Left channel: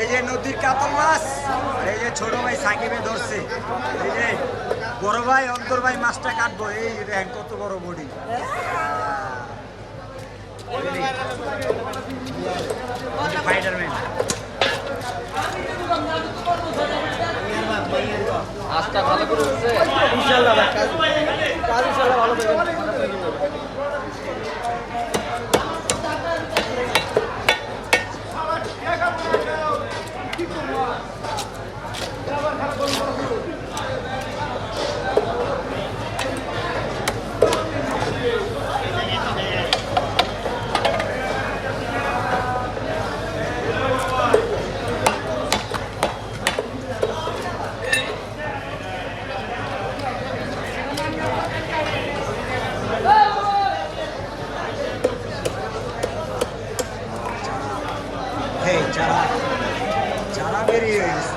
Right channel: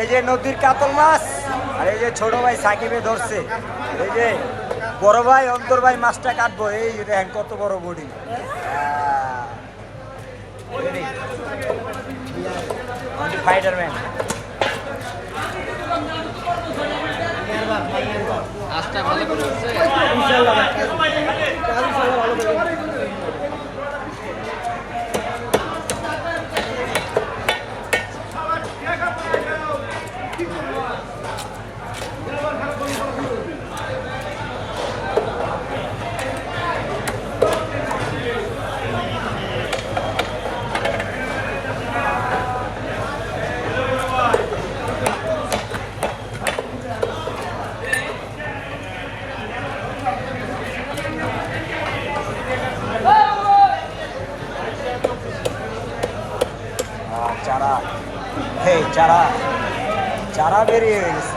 এই যে নদীর কাতল মাছ আর এই যে ছোট ভাই সাকিবে ধরছে। এই যে বড় ভাই অন্তর ভাই মাছটা কাটবো। এই দেখেন কত বড় বডি। ফাইটারম্যান আজটা ভালো করে ভালো করবেন আর চারা বেরিয়ে গেছে।